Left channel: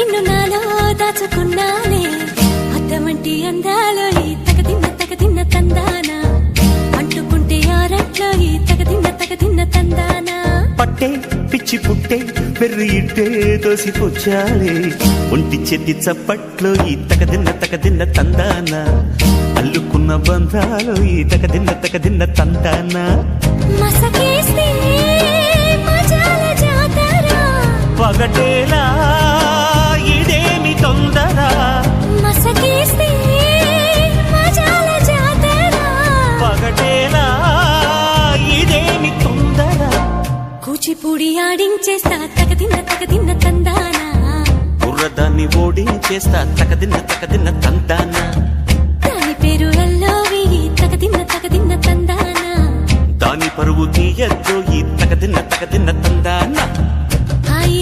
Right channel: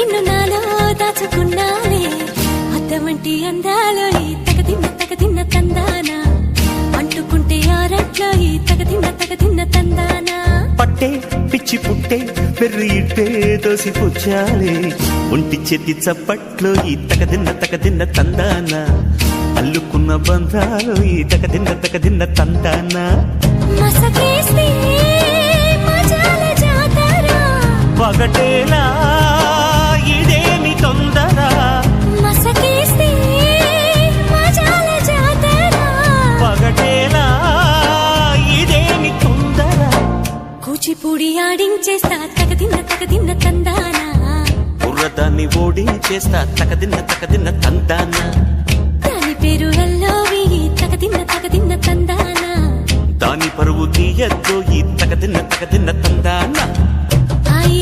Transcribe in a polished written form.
నిన్ను నాలో దాచుకున్నాలే అద్దమంటి అందాలో ఈ తగదిన్న తందానా అంటుకుంటే ఆరట్లో ఈ తగదిన్న తందానా పట్టే పిచ్చి పుట్టే పెర్రి ఇట్టే దోసిపుచ్చాలే ఒంటి చేతి చప్పట్లో ఈ తగదిన్న తందానా అల్లుకున్న బంధాలు ఈ తగదిన్న తందానా మసకేస్తే మజాల జాతర పగటేలా ఇదేమి తొందర మసకేస్తే మజాల జాతర పగటేలా ఇదేమి తొందర కూచిపూడి ఆడించేస్తా తగదిన్న తందానా బుర్రదాన్ని ఓడించేస్తా తగదిన్న తందానా దాని పేరు ఎల్లోవి తగదిన్న తందానా దాని పరువు తీయద్దు ఈ తగదిన్న తందానా హాయి